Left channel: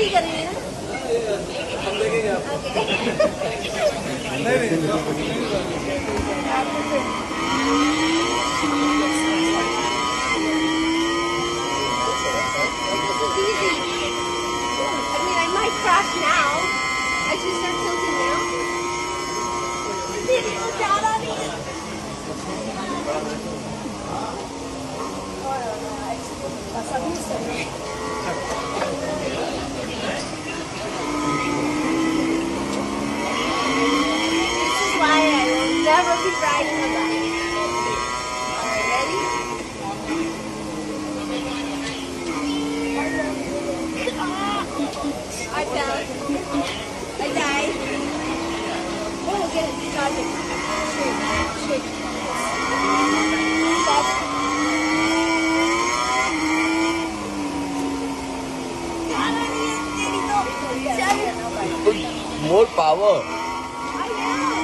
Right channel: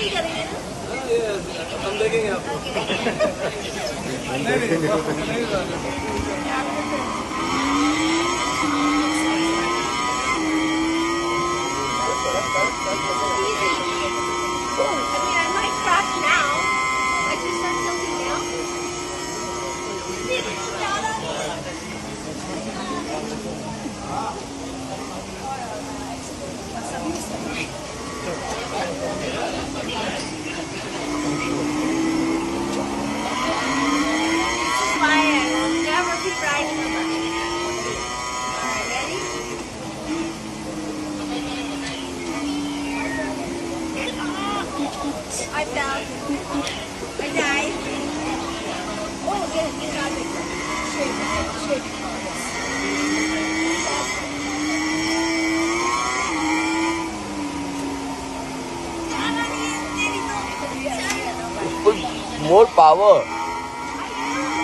ही करेंगे ना? हम देखेंगे आपको I mean, I might crash now. I should start tilting now. Did it go down on me? This is why I will never keep riding a bike. Alright, ready? I fell. I died. Oh, get it. Charge it. Straight. Stop. More power. I know.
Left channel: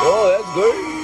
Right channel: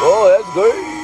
Oh, that's good.